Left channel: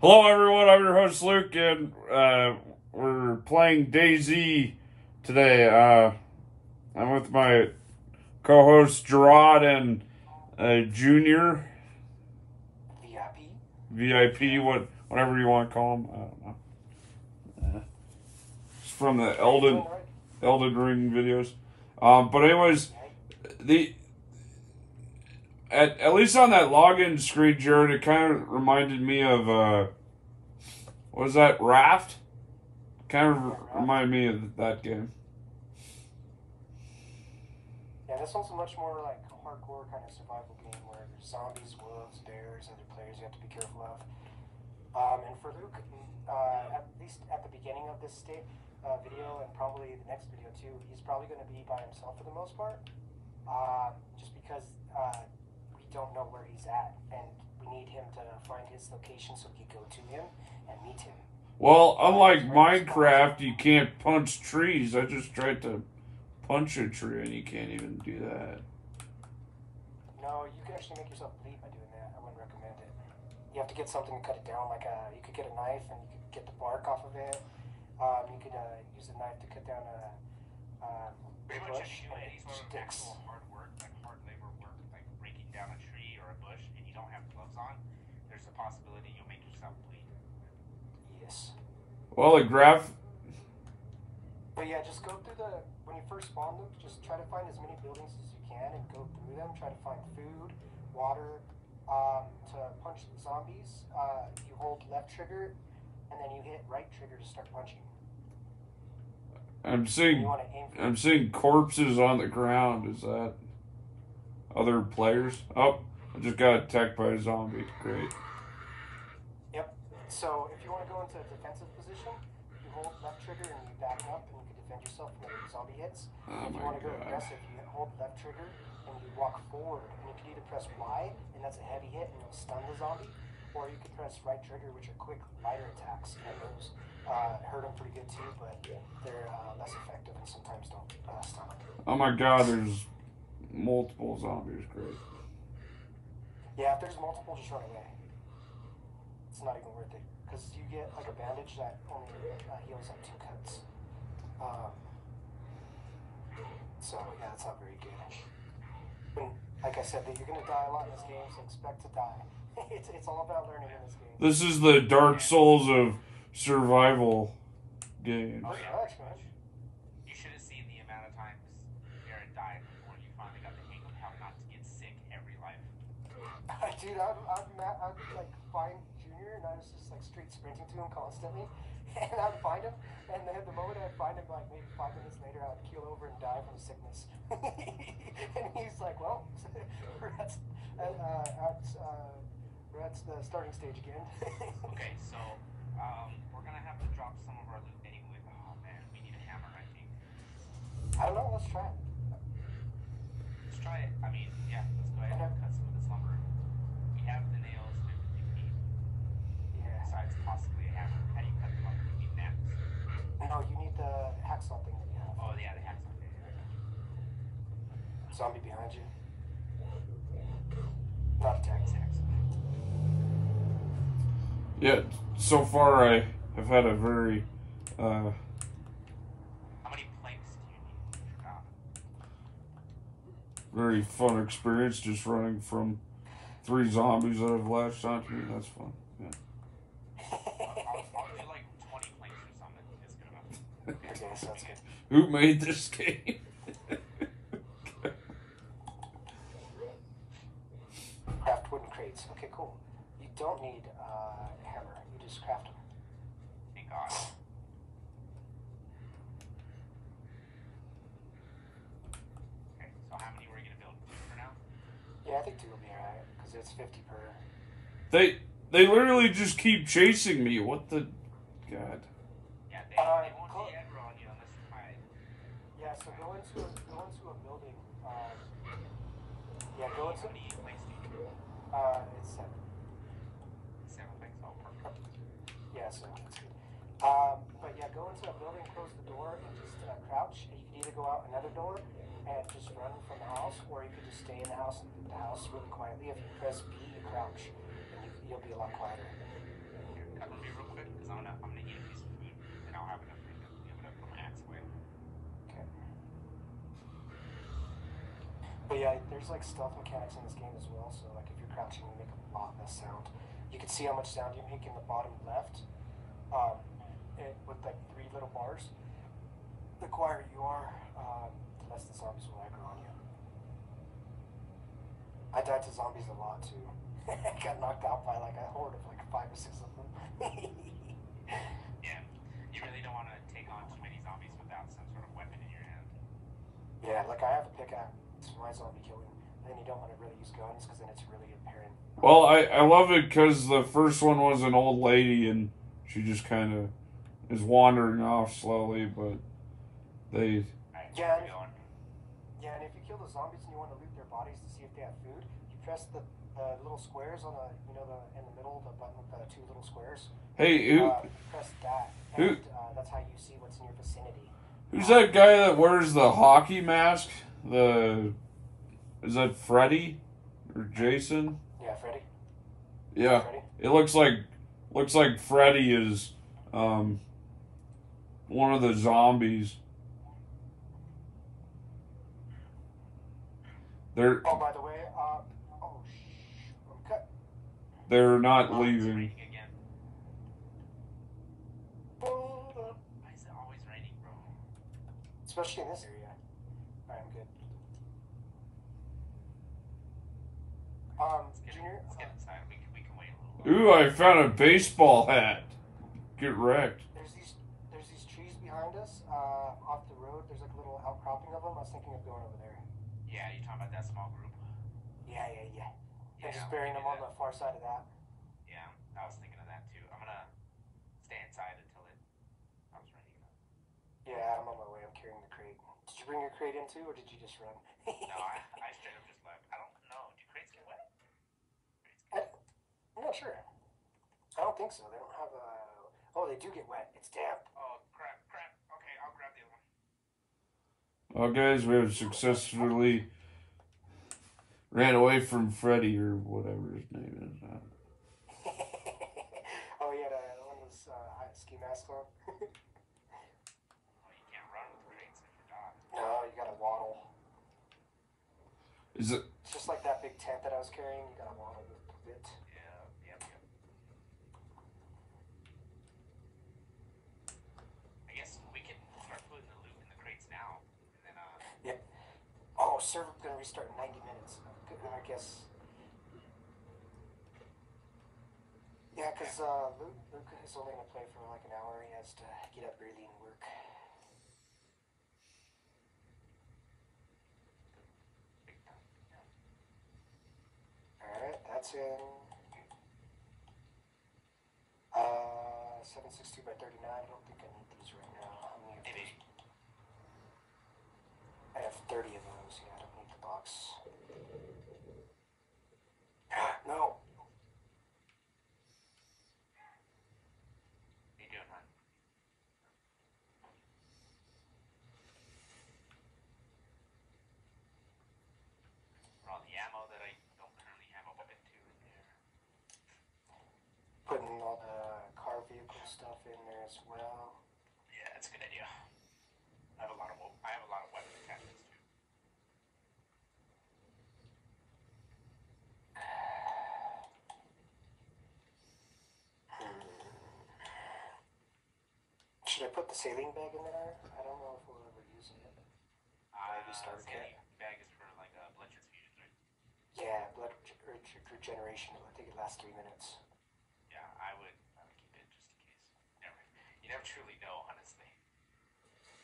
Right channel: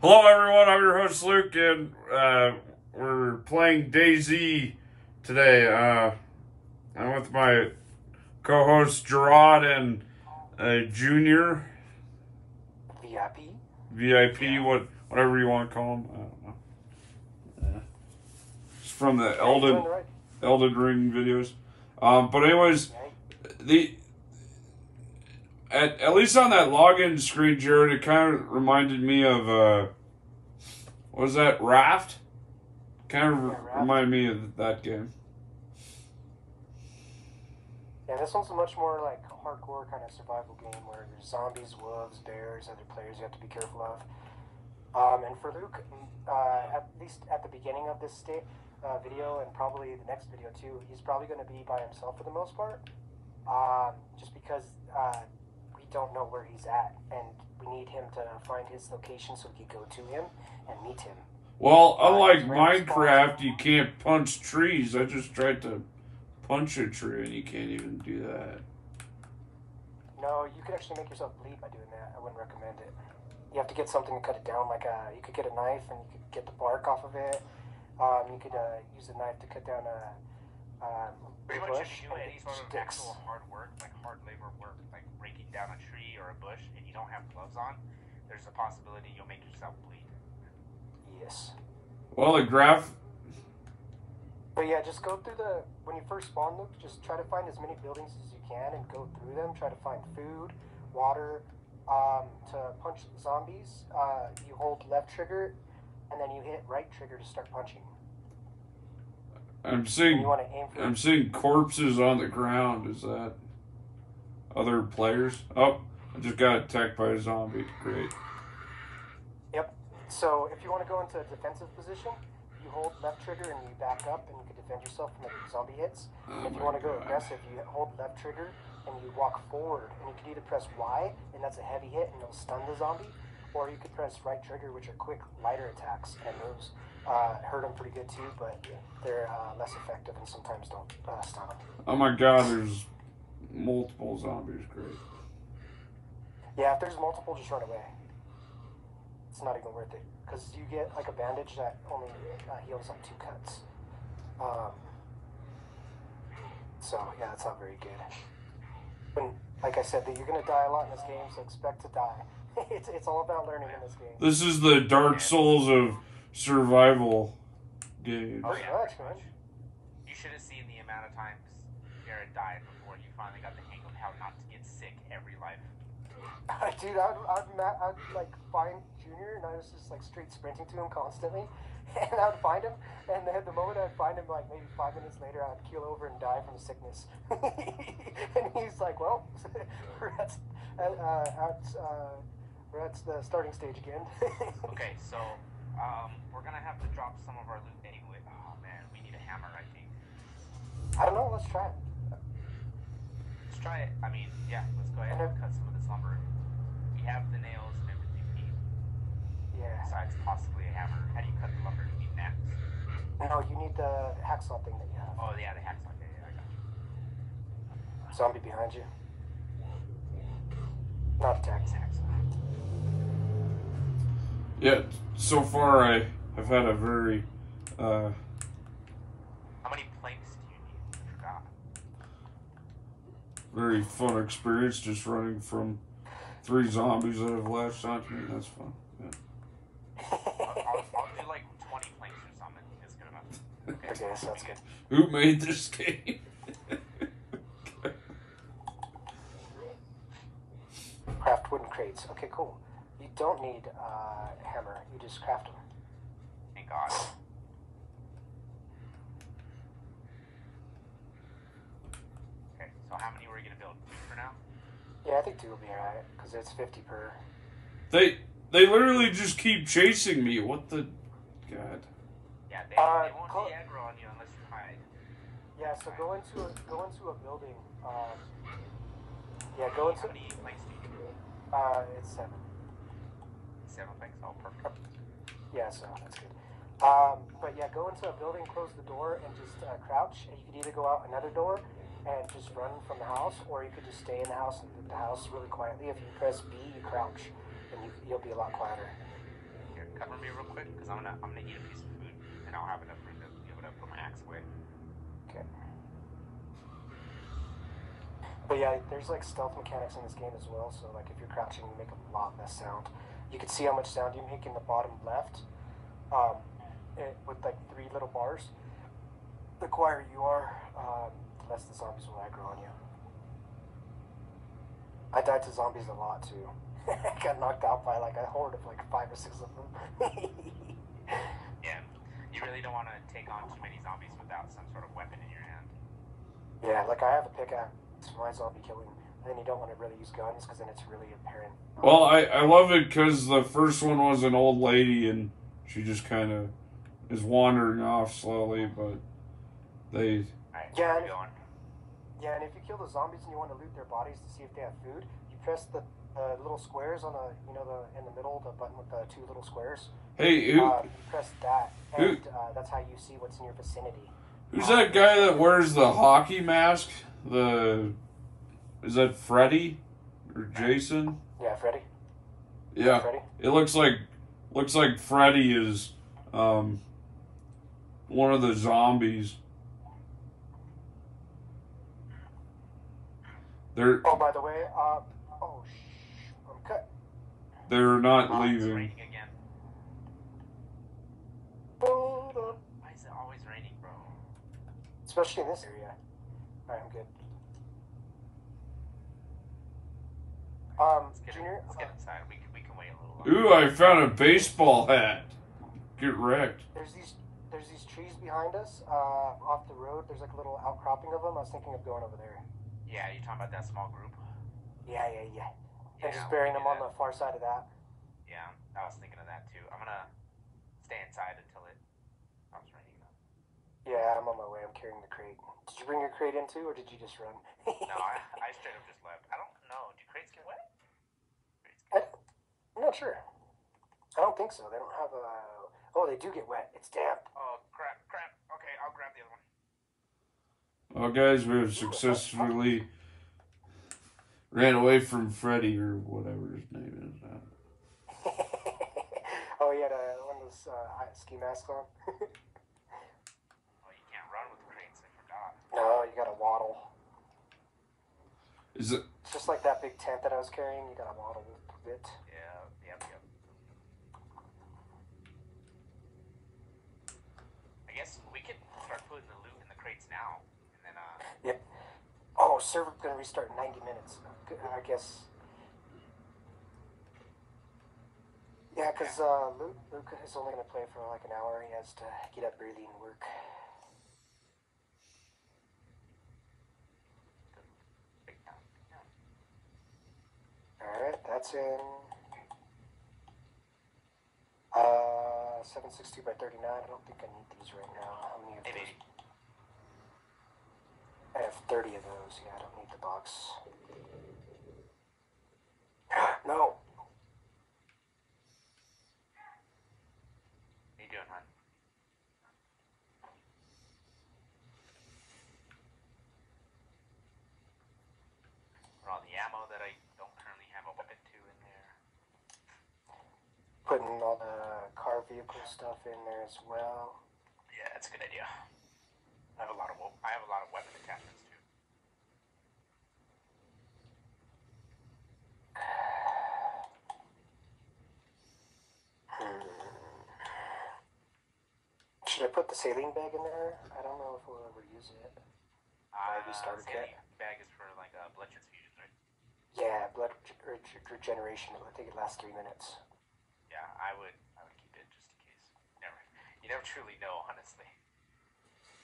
Hello, everyone. I'm your host Luke, and we're playing DayZ today. I'm with my co-host Gerard and Junior. VIP, whatever you want to call him. I don't know. It's from the Elden Ring videos. But anyways, at least on that login screen, Jared, it kind of reminded me of what was that, Raft? Kind of reminded me of that game. Yeah, this one's a much more like hardcore kind of survival game where there's zombies, wolves, bears, other players you have to be careful of. And for Luke, at least at the beginning of this video and probably the next video too, he's probably going to be by himself for the most part. Just because we don't know where he's at, and we need him to find his location so we can go to him and meet him. Well, unlike Minecraft, you can't punch trees. I just tried to punch a tree, and you can't even do that. No, you could actually make yourself bleed by doing that. I wouldn't recommend it. You have to get something to cut it down, like you could get a knife and you could get the bark off of it. You could use a knife to cut down a pretty much if you do any sort of sticks. actual hard work, like hard labor work, like breaking down a tree or a bush, and you don't have gloves on, there's a possibility you'll make yourself bleed. Yes. Well, the graph. But yeah, just go through when you first spawn, Luke, just try to find as many buildings as you can and go through them. Try to find food, water. To punch zombies, you hold left trigger, and then you hit right trigger to start punching. I'm seeing corpses on the ground. Is that other players? Oh, I just got attacked by a zombie. Great. Yep. So if you want to go into a defensive position, you hold left trigger and you back up, and you can defend yourself from the zombie hits. Oh, if you want to go aggressive, you hold left trigger and you walk forward, and you can either press Y, and that's a heavy hit, and it'll stun the zombie, or you could press right trigger, which are quick, lighter attacks, and those hurt them pretty good too, but they're less effective and sometimes don't stun them. Oh my God, there's multiple zombies. Great. Yeah, if there's multiple, just run away. It's not even worth it, because you get like a bandage that only heals on 2 cuts. So yeah, that's not very good. But like I said, you're gonna die a lot in this game, so expect to die. It's all about learning in this game. This is the Dark Souls of survival games. Oh yeah, pretty much. You should have seen the amount of times Jared died before you finally got the hang of how not to get sick every life. Dude, I'd like find Junior, and I was just like straight sprinting to him constantly, and I'd find him, and then the moment I'd find him, like maybe 5 minutes later, I'd keel over and die from sickness. And he's like, "Well, we're at the starting stage again." Okay, so we're gonna have to drop some of our loot anyway. Oh man, we need a hammer, I think. I don't know. Let's try it. Let's try it. I mean, yeah, let's go ahead and cut some of this lumber. We have the nails and everything we need. Yeah. Besides possibly a hammer. How do you cut the lumber? You need an axe. No, you need the hacksaw thing that you have. Oh yeah, the hacksaw. Yeah, I got you. Zombie behind you. Not attack. Yeah, so far I have had a very How many planks do you need? I forgot. very fun experience just running from 3 zombies that have latched onto me. That's fun. Yeah. I'll do like 20 planks or something. It's good enough. Okay, sounds good. Who made this game? Craft wooden crates. Okay, cool. You don't need a hammer. You just craft them. Thank God. Okay, so how many were you gonna build? 2 for now? Yeah, I think 2 will be alright, because it's 50 per. They literally just keep chasing me. What the God? Yeah, they won't be aggro on you unless you hide. Yeah, so go into a building. Yeah, go into. How many planks do you need? It's 7. 7 planks. Oh, perfect. Yeah, so that's good. But yeah, go into a building, close the door, and just crouch. And you can either go out another door and just run from the house, or you could just stay in the house and loot the house really quietly. If you press B, you crouch, and you'll be a lot quieter. cover me real quick, because I'm gonna eat a piece of food, and I'll have enough room to be able to put my axe away. Okay. But yeah, there's like stealth mechanics in this game as well. So like if you're crouching, you make a lot less sound. You can see how much sound you make in the bottom left, with like 3 little bars. The quieter you are, the less the zombies will aggro on you. I died to zombies a lot too. I got knocked out by like a horde of like 5 or 6 of them. Yeah, you really don't want to take on too many zombies without some sort of weapon in your hand. Yeah, like I have a pickaxe for my zombie killing. And then you don't want to really use guns because then it's really apparent. Well, I love it because the first one was an old lady and she just kind of is wandering off slowly, but they... Alright, Yeah, where are we going? Yeah, and if you kill the zombies and you want to loot their bodies to see if they have food, you press the little squares on in the middle, the button with the 2 little squares. Hey, You press that, and that's how you see what's in your vicinity. who's that guy that wears the hockey mask? Is that Freddy or Jason? Yeah, Freddy. Yeah, Freddy? it looks like Freddy is one of the zombies. They're Oh, by the way, I'm cut. they're not It's leaving. raining again. Hold up. Why is it always raining, bro? Especially in this area. Alright, I'm good. Junior, Let's get inside. We can wait a little Ooh, longer. I found a baseball hat. Get wrecked. there's these trees behind us, off the road. There's like a little outcropping of them. I was thinking of going over there. Yeah, you talking about that small group? Yeah. Yeah, And just we burying can them do on that. the far side of that. Yeah, I was thinking of that too. I'm gonna stay inside until it stops raining. Yeah, I'm on my way. I'm carrying the crate. Did you bring your crate in too, or did you just run? No, I straight up just left. I don't know. Do crates get wet? I'm not sure. I don't think so. They don't have a... Oh, they do get wet. It's damp. Oh, crap. Okay, I'll grab the other one. Well, guys, we have successfully ran away from Freddy or whatever his name is. Oh, he had one of those ski masks on. Oh, you can't run with crates. I forgot. No, you gotta waddle. Is it? It's just like that big tent that I was carrying. You gotta waddle a bit. Yeah, yep. I guess we could start putting the loot in the crates now, and then Yep. Oh, server's gonna restart in 90 minutes. I guess. Yeah, because Luke is only gonna play for like an hour. He has to get up early and work. Alright, that's in 762 by 39. I don't think I need these right now. How many of those? I have 30 of those. Yeah, I don't need the box. No. what are you doing, hon? Put all the ammo that I don't currently have a weapon to in there. Putting all the car vehicle stuff in there as well. Yeah, that's a good idea. I have a lot of weapon attachments too. Should I put the saline bag in there? I don't know if we'll ever use it. Starter kit. Bag is for like blood transfusions, right? Yeah, blood regeneration. I think it lasts 3 minutes. Yeah, I would keep it just in case. You never truly know, honestly.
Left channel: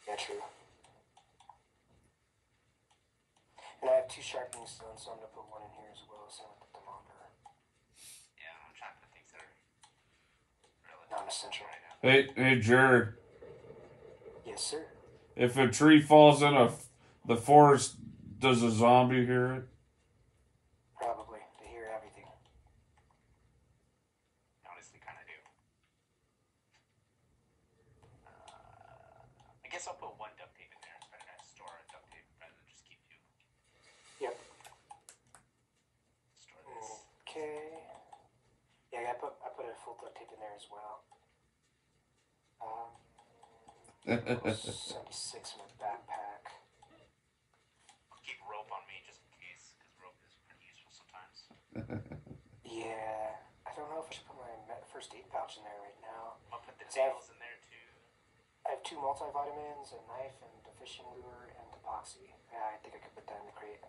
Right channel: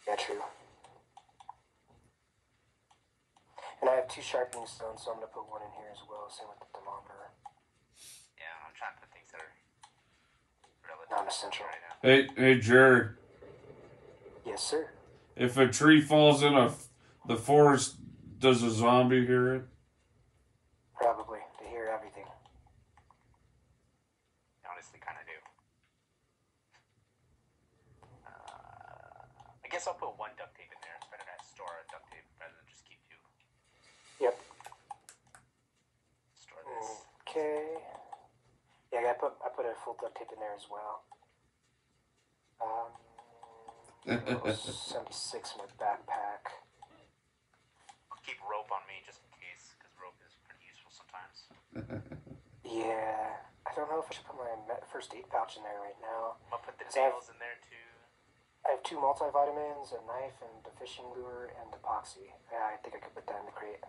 Yeah, true. And I have 2 sharpening stones, so I'm gonna put 1 in here as well. Same with the thermometer. Yeah, I'm trying to put things that are relative Non-essential. right now. Hey, Jared. Yes, sir. If a tree falls in the forest, does a zombie hear it? Probably. They hear everything. Honestly, kind of do. I guess I'll put 1 duct tape in there. It's better to store a duct tape rather than just keep 2. Yep. Store this. Okay. Yeah, I yeah, I put a full duct tape in there as well. 76 in my backpack. I'll keep rope on me just in case, because rope is pretty useful sometimes. Yeah, I don't know if I should put my first aid pouch in there right now. I'll put the nails in there too. I have 2 multivitamins, a knife, and a fishing lure, and epoxy. Yeah, I think I could put that in the crate.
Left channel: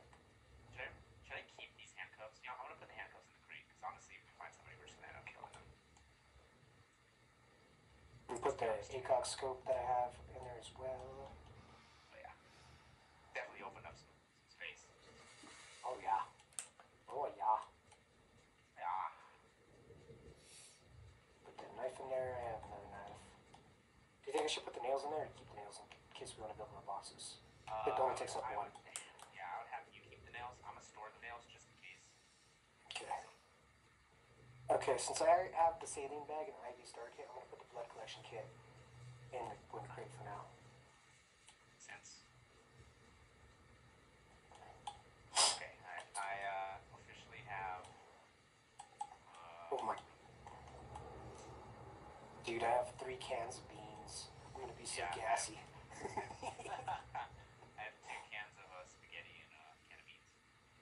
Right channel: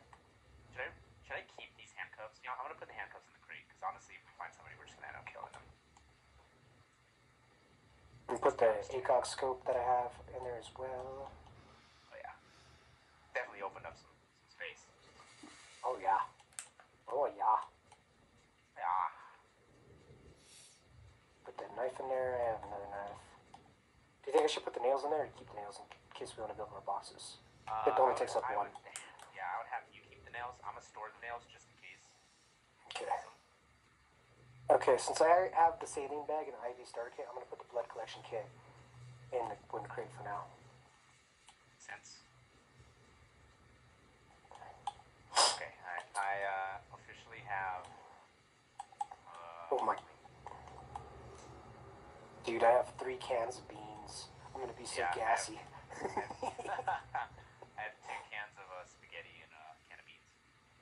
Should I keep these handcuffs? You know, I'm gonna put the handcuffs in the crate, because honestly, if we find somebody, we're just gonna end up killing them. And put the ACOG scope that I have in there as well. Oh yeah. Definitely opened up some space. Oh yeah. Oh yeah. Yeah. Put the knife in there. I have another knife. Do you think I should put the nails in there or keep the nails in case we want to build more boxes? It only takes up 1. I would have you keep the nails. I'm gonna store the nails just in case. Okay. Okay, since I have the saline bag and IV starter kit, I'm going to put the blood collection kit in the wooden crate for now. Makes sense. Okay, I officially have... oh my... Dude, I have 3 cans of beans. I'm going to be so gassy. I have 2 cans of spaghetti and a can of beans.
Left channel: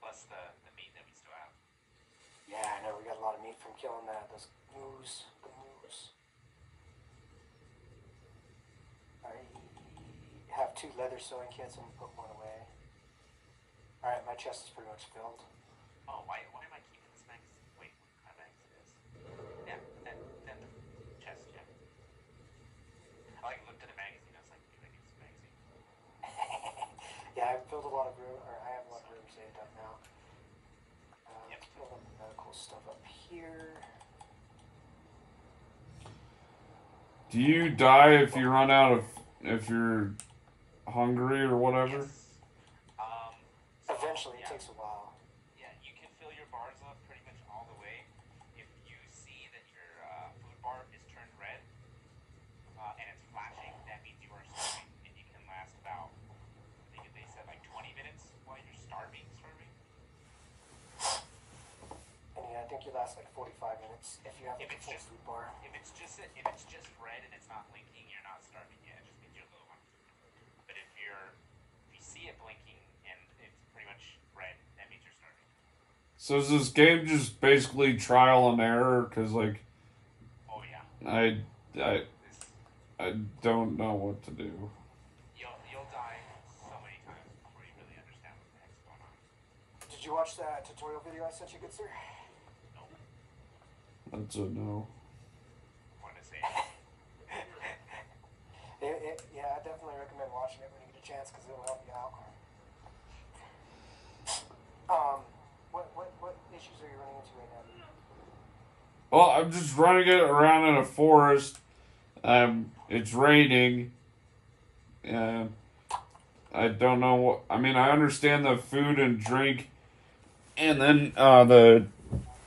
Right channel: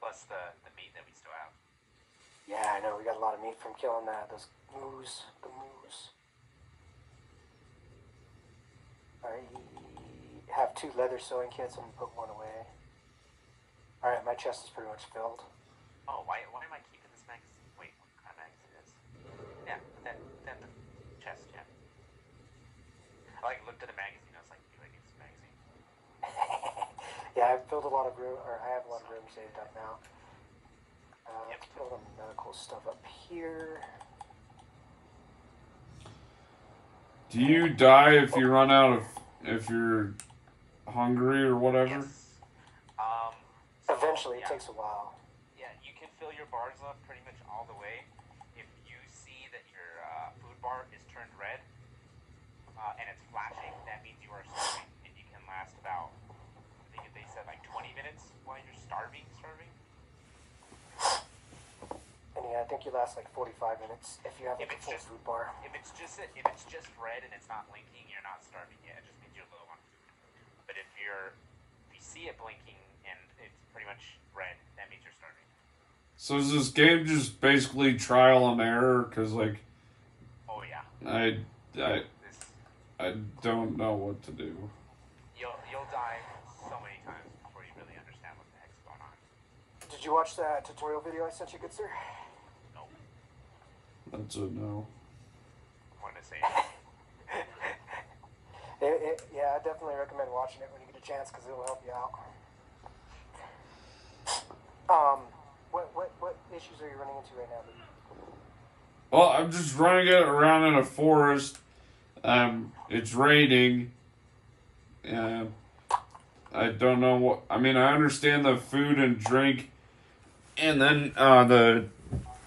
Plus the meat that we still have. Yeah, I know. We got a lot of meat from killing those moose. The moose. I have 2 leather sewing kits. I'm going to put 1 away. Alright, my chest is pretty much filled. Oh, why am I keeping this magazine? Wait, what kind of magazine is this? Yeah, then the chest, yeah. I looked at the magazine. I was like, do I need this magazine? Yeah, I've filled a lot of room, or I have a lot of room saved up now. Let's put all the medical stuff up here. Do you die if you run out of, if you're hungry or whatever? Yes. Eventually, it takes a while. Yeah, you can fill your bars up pretty much all the way. If you see that your food bar is turned red and it's flashing, that means you are starving, and you can last about, I think they said like 20 minutes while you're starving. And yeah, I think you last like 45 minutes if you have like a full food bar. If it's just red and it's not blinking, you're not starving yet. It just means you're low on food. But if you see it blinking and it's pretty much red, that means you're starving. So is this game just basically trial and error? Because like, oh yeah, I don't know what to do. You'll die so many times before you really understand what the heck's going on. Did you watch that tutorial video I sent you, good sir? No. That's a no. I wanted to say yeah, I definitely recommend watching it when you get a chance because it will help you out. What issues are you running into right now, dude? Well, I'm just running it around in a forest. It's raining. I don't know what. I mean, I understand the food and drink, and then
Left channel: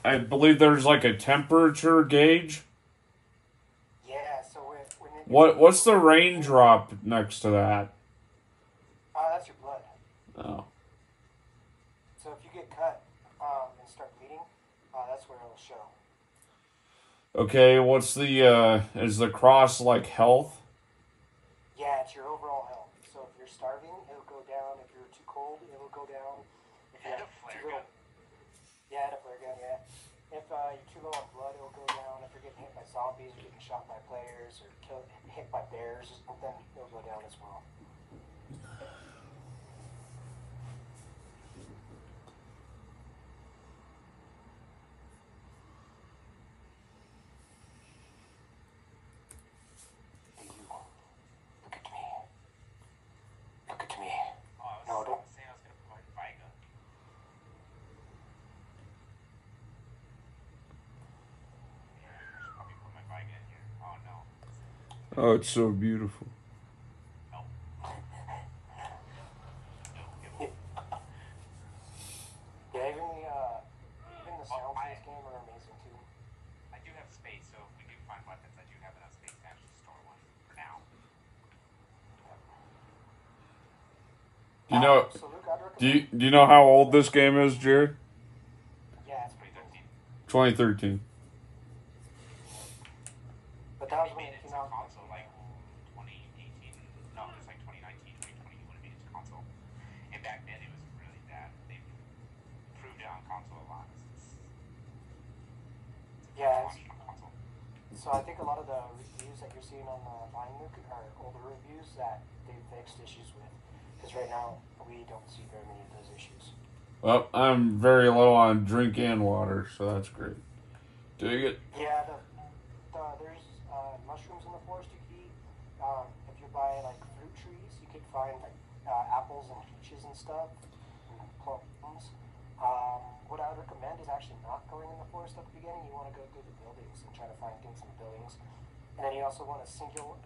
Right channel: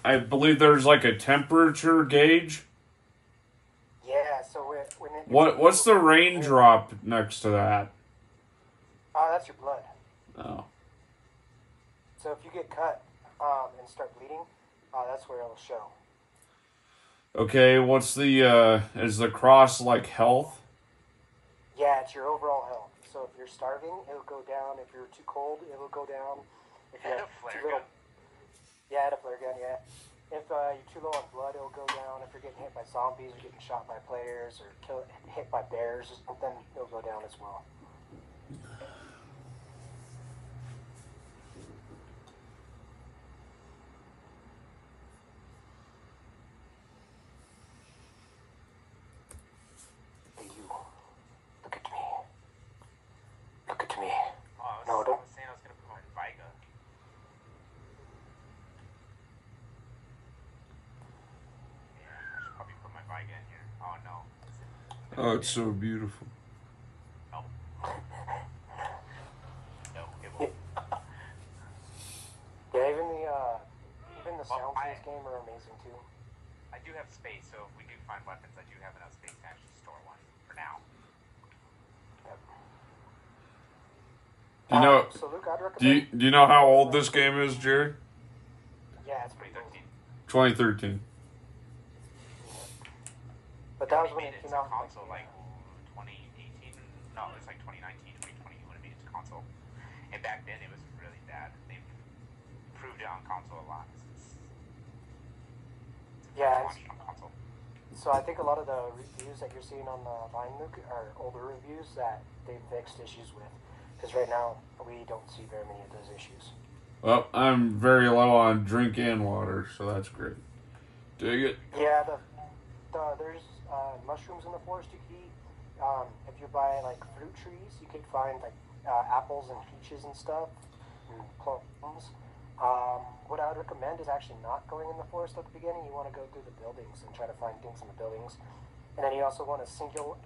I believe there's like a temperature gauge. Yeah. So What's the raindrop next to that? That's your blood. Oh. So if you get cut and start bleeding, that's where it'll show. Okay, what's the, is the cross like health? Yeah, it's your overall health. So if you're starving, it'll go down. If you're too cold, it'll go down. If you have too little... Yeah, a flare gun, yeah. If you're too low on blood, it'll go down. If you're getting hit by zombies, or getting shot by players, or hit by bears or something, it'll go down as well. Oh, it's so beautiful. Oh. No, it won't. Yeah, even the sounds in this game are amazing too. I do have space, so if we do find weapons, I do have enough space to actually store one for now. Do you know? So Luke, I'd recommend... Do you know how old this game is, Jared? Yeah, it's 2013. 2013. that was It when made it it came to out. console like 2018. No, it was like 2019, 2020 when it made it to console. And back then it was really bad. They improved it on console a lot. Yeah, Launch on console. so I think a lot of the reviews that you're seeing on the line, Luke, are older reviews that they've fixed issues with. Because right now, we don't see very many of those issues. Well, I'm very low on drink and water, so that's great. Dig it. Yeah, there's mushrooms in the forest you can eat. If you buy like fruit trees, you could find like apples and peaches and stuff, and plums. What I would recommend is actually not going in the forest at the beginning. You want to go through the buildings and try to find things in the buildings, and then you also want to single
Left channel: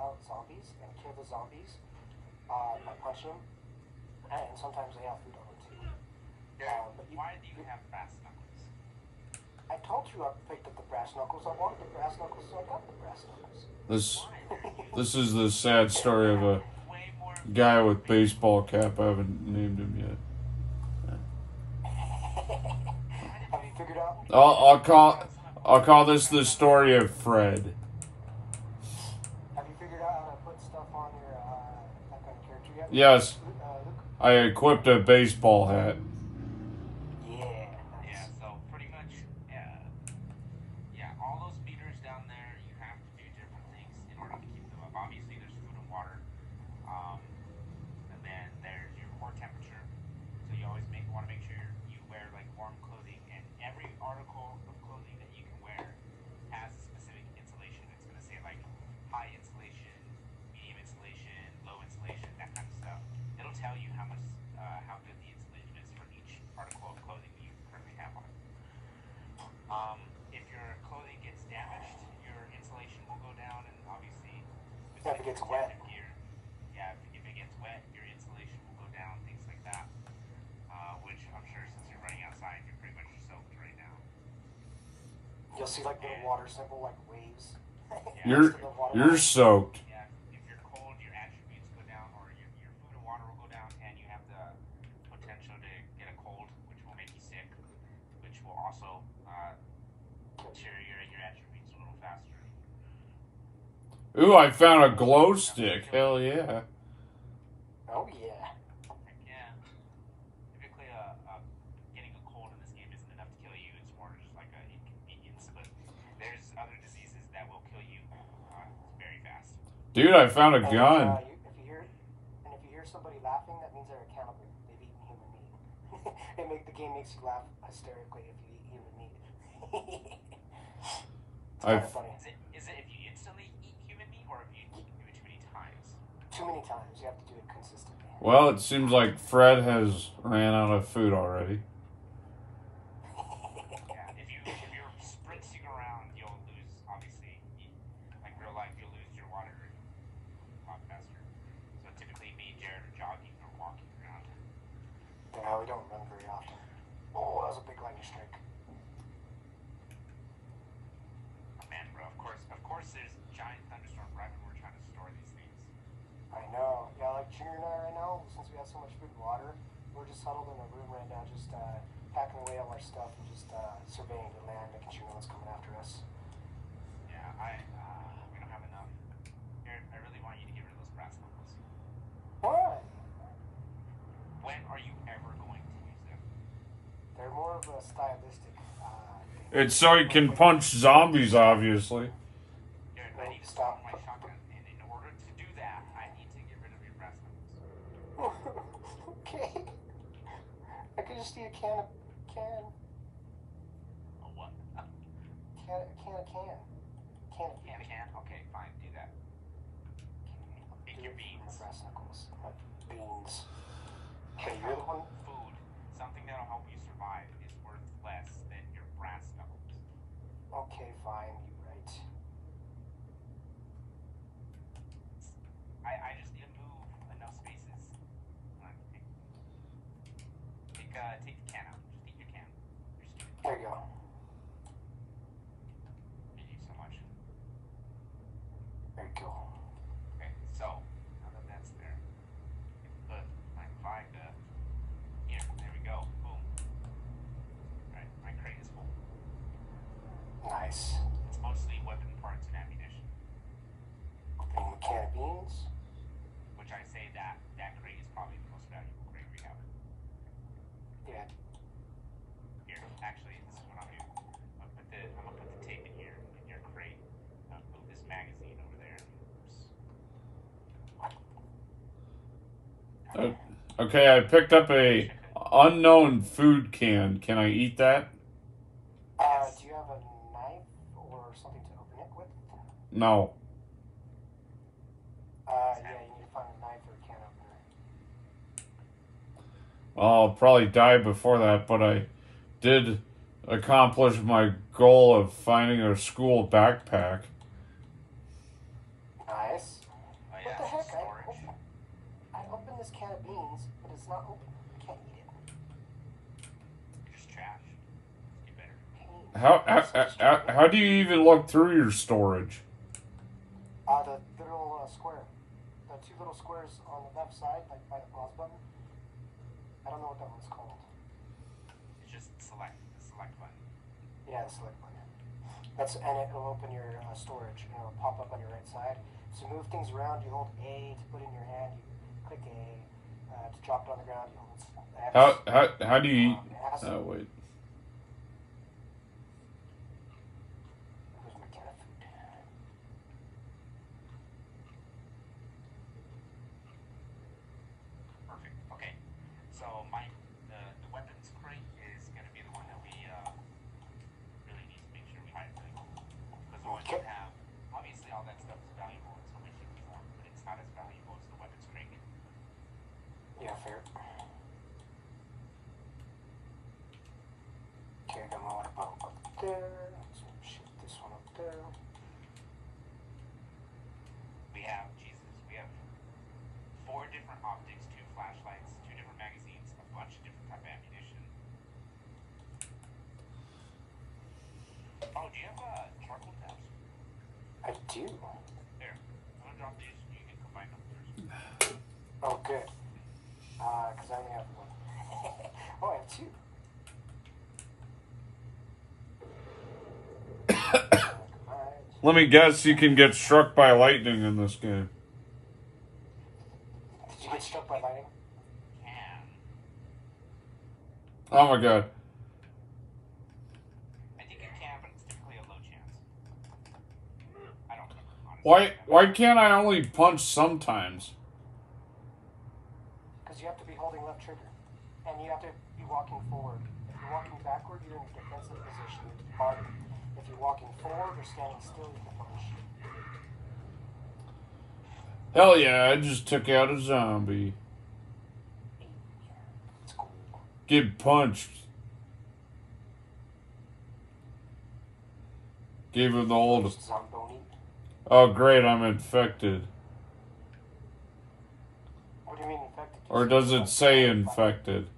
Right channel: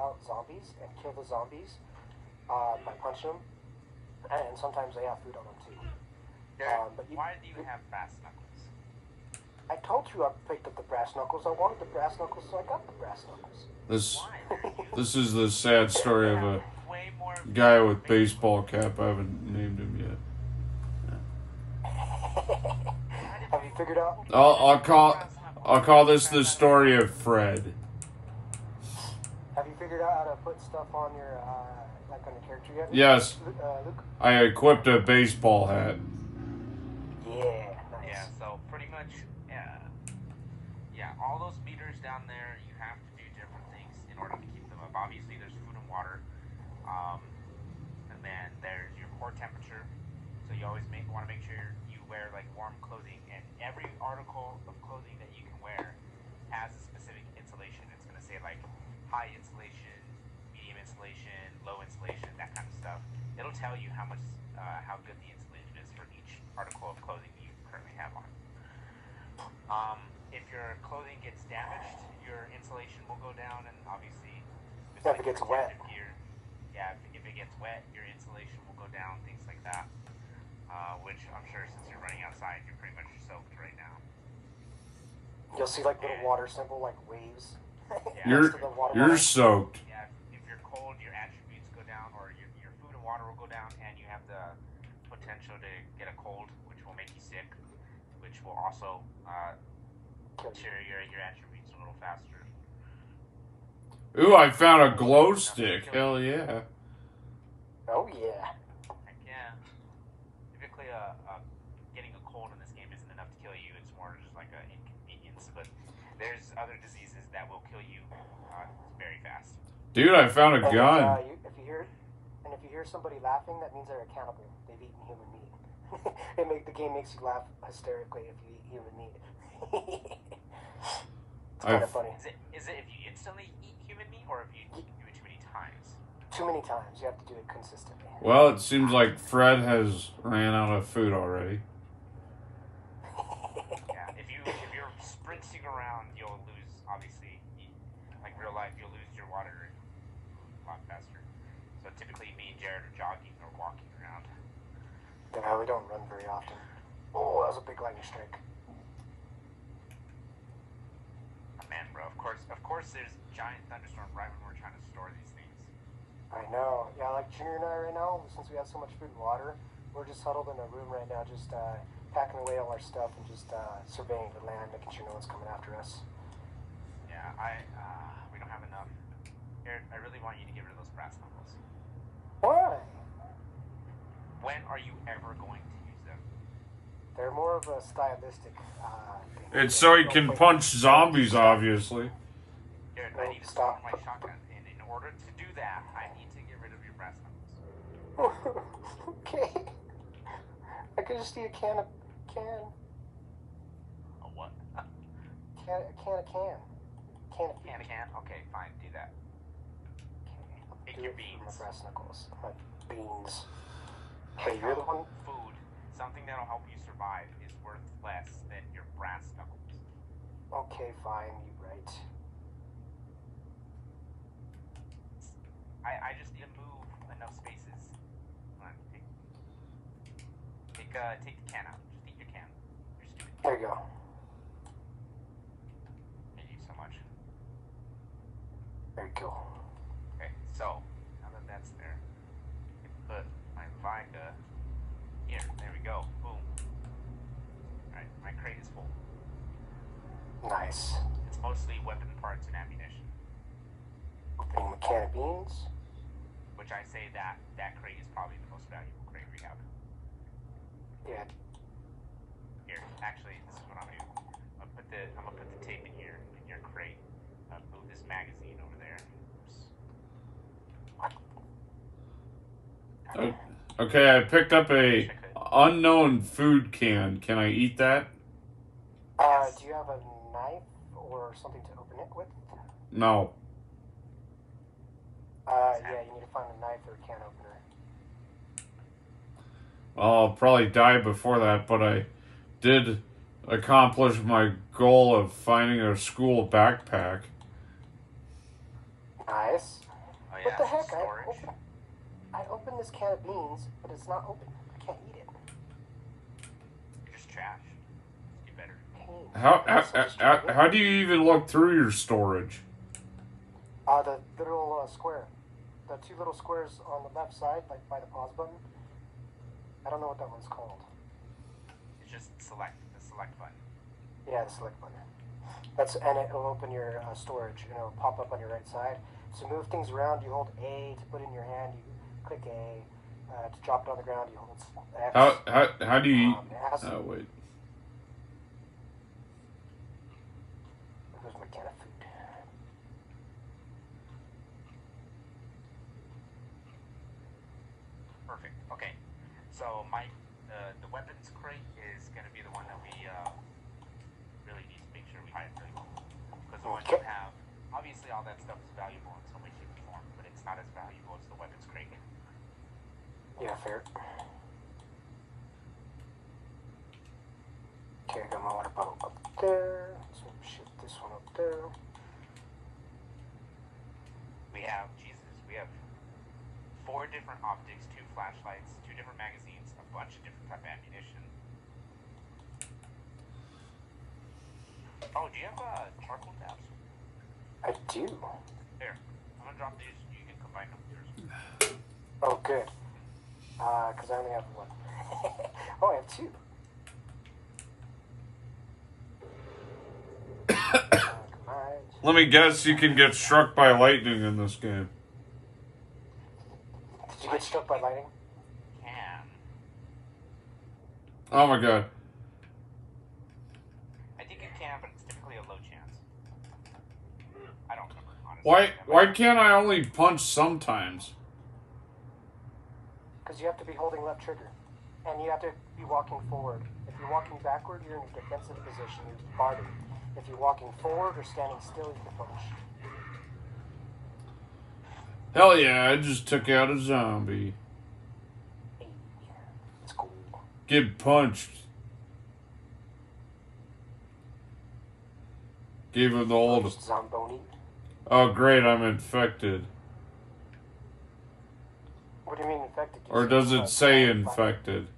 out zombies and kill the zombies by punching them. And sometimes they have food on them too. Why do you have brass knuckles? I told you I picked up the brass knuckles. I wanted the brass knuckles, so I got the brass knuckles. This is the sad story of a guy with baseball cap. I haven't named him yet. Have you figured out? I'll call this the story of Fred. Have you figured out how to put stuff on your like on your character yet? Yes, Luke? I equipped a baseball hat. Yeah, nice. Yeah, so pretty much, all those meters down there, you have to do different things in order to keep them up. Obviously, there's food and water, and then there's your core temperature. So you always want to make sure you wear like warm clothing, and every article of clothing that you can wear has a specific insulation. It's going to say like high insulation, medium insulation, low insulation, that kind of stuff. It'll tell you how much, how good the insulation is for each article of clothing you currently have on. If your clothing gets damaged, your insulation will go down, and obviously, if it gets wet. Gear, if it gets wet, your insulation will go down, things like that. Which I'm sure since you're running outside, you're pretty much soaked right now. You'll see like little water symbol, like waves. You're soaked. Yeah, if you're cold, your attributes go down, or your food and water will go down, and you have the potential to get a cold, which will make you sick, which will also deteriorate your attributes a little faster. Ooh, I found a glow stick. Hell yeah. Oh yeah. Heck yeah. Typically, getting a cold in this game isn't enough to kill you. It's more just like an inconvenience. But there's other diseases that will kill you very fast. Dude, I found a gun. If you hear somebody laughing, that means they're a cannibal. They've eaten human meat. The game makes you laugh hysterically if you eat human meat. It's kind of funny. Is it if you instantly eat human meat, or if you do it too many times? Too many times. You have to do it consistently. Well, it seems like Fred has ran out of food already. Yeah, if you're sprinting around, you'll lose, obviously, like real life, you'll lose your water a lot faster. So typically me and Jared are jogging or walking around. Yeah, we don't run very often. Oh, that was a big lightning strike. Oh, man, bro, of course there's giant thunderstorm right when we're trying to store these things. I know. Yeah, like Junior and I right now, since we have so much food and water, we're just huddled in a room right now, just packing away all our stuff and just surveying the land, making sure no one's coming after us. Yeah, we don't have enough. Aaron, I really want you to get rid of those brass knuckles. Why? When are you ever going to use them? They're more of a stylistic thing. It's so he can punch zombies, obviously. Jared, I need to stop my shotgun, and in order to do that, I need to get rid of your brass knuckles. Okay. I could just see a can. A what? Can. Okay, fine, do that. Okay, Take your beans. My brass knuckles. My beans. Hey, Hey, you're the one. Food, something that'll help you survive, is worth less than your brass knuckles. Okay, fine. You're right. I just need to move enough spaces. Come on, take the can out. Just eat your can. You're stupid. There you go. Thank you so much. There you go. Okay, so now that that's there, but I can find here. There we go. Boom. All right, my crate is full. Nice. It's mostly weapon parts and ammunition. Opening a can of beans. Which I say that crate is probably the most valuable crate we have. Yeah. Here, actually, this is what I'm gonna do. I'm gonna put the tape in here in your crate. Move this magazine over there. Oops. Okay, I picked up a unknown food can. Can I eat that? Do you have a knife or something to open it with? No. Yeah, you need to find a knife or a can opener. I'll probably die before that, but I did accomplish my goal of finding a school backpack. Nice. Oh, yeah, What the heck? storage. I opened this can of beans, but it's not open. I can't eat it. You're just trash. You better. How do you even look through your storage? The little square. The two little squares on the left side, like by the pause button. I don't know what that one's called. It's just the select button. Yeah, the select button. And it'll open your storage, and it'll pop up on your right side. To move things around, you hold A. To put it in your hand, you click A. To drop it on the ground, you hold X. How do you eat? Oh, wait. Where's my can of food? Perfect. Okay. So the weapons crate is gonna be the one that we really need to make sure we hide really well. Because the one you have, obviously all that stuff is valuable in some way, shape, or form, but it's not as valuable as the weapons crate. Yeah, fair. Okay, I got my water bottle up there. So shoot this one up there. We have 4 different optics, 2 flashlights, 2 different magazines, a bunch of different type of ammunition. Oh, do you have charcoal tabs? I do. There. I'm gonna drop these. You can combine them. Oh, good. Because I only have one. Oh, I have 2. Let me guess, you can get struck by lightning in this game. Did you get struck by lightning? Can. Oh my god. I think it can, but it's typically a low chance. I don't remember, honestly. Why can't I only punch sometimes? Because you have to be holding left trigger. And you have to be walking forward. If you're walking backward, you're in a defensive position. You're fighting. If you're walking forward or standing still, you can punch. Hell yeah, I just took out a zombie. It's cool. Get punched. Gave him the old... Zomboni. Oh great, I'm infected. What do you mean infected? Or does it say infected?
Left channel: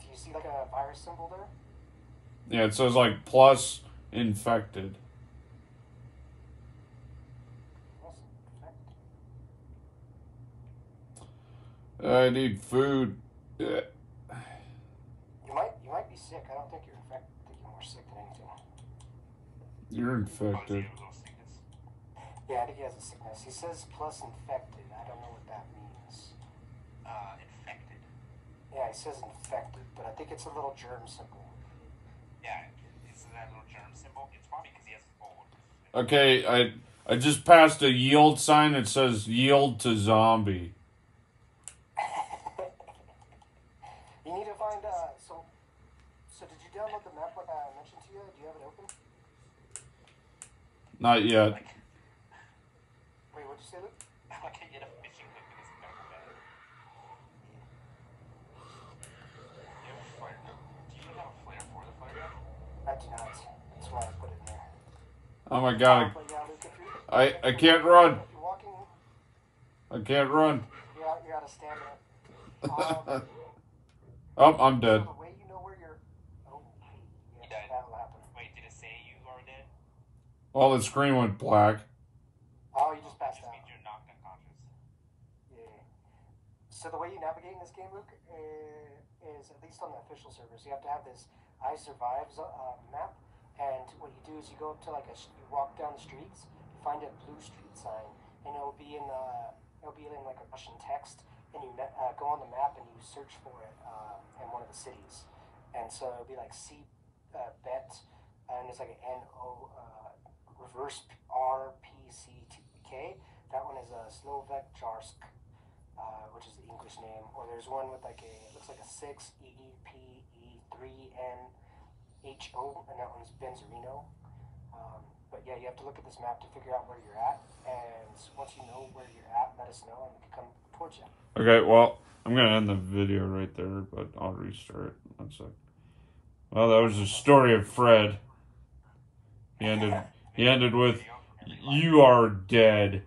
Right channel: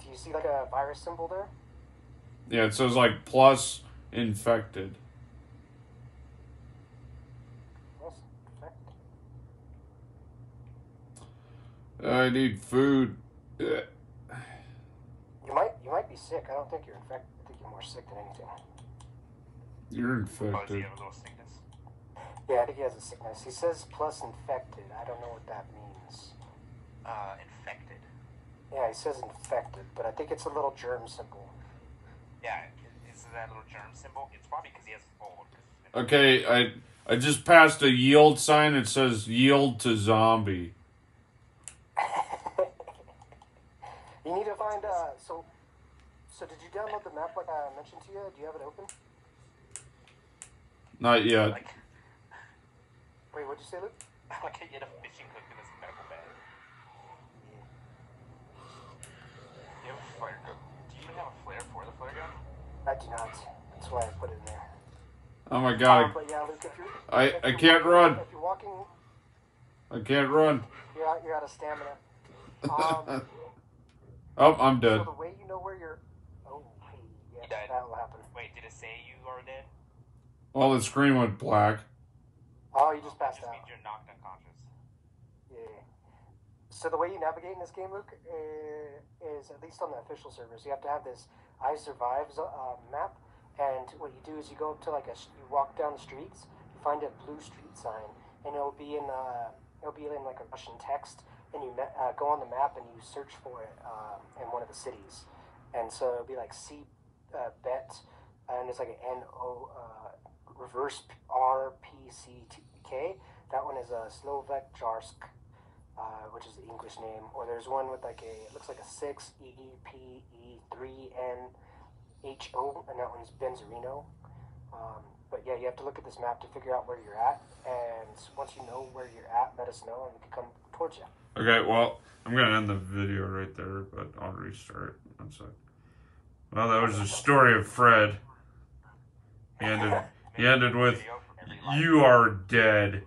Do you see like a virus symbol there? Yeah, it says like plus infected. Yes, infected. I need food. Ugh. You might be sick. I don't think you're infected. I think you're more sick than anything. You're Oh, does he infected. have a little sickness? Yeah, I think he has a sickness. He says plus infected. I don't know what that means. Infected. Yeah, he says infected, but I think it's a little germ symbol. Yeah, is that little germ symbol? It's probably because he has old. Okay, I just passed a yield sign. It says yield to zombie. You need to find, so did you download the map like I mentioned to you? Do you have it open? Not yet. Like, Wait, what'd you say, Luke? like I get a fishing hook in this medical bag. You have a flare gun. Do you have a flare for the flare gun? I do not. That's why I put it in there. Oh my god. But yeah, Luke, if I can't run. If you're walking, I can't run. you're out of stamina. Oh, I'm So dead. the way you know where you're... Oh, wait. You Yes, died. that'll happen. Wait, did it say you are dead? Well, the screen went black. Oh, you just That passed just out. means you're knocked unconscious. Yeah. So the way you navigate in this game, Luke, is at least on the official servers, you have to have this I Survive map, and what you do is you go up to like you walk down the streets, you find a blue street sign, and it'll be in like a Russian text, and you go on the map and you search for it in one of the cities, and so it'll be like bet, and it's like an NO reverse RPCK. That one is a Slovak Jarsk, which is the English name. Or there's one with like it looks like a 6 EPE3NHO, and that one's Benzerino. But yeah, you have to look at this map to figure out where you're at, and once you know where you're at, let us know, and we can come towards you. Okay, well, I'm gonna end the video right there, but I'll restart. 1 sec. Well, that was the story of Fred. He ended with, "You are dead."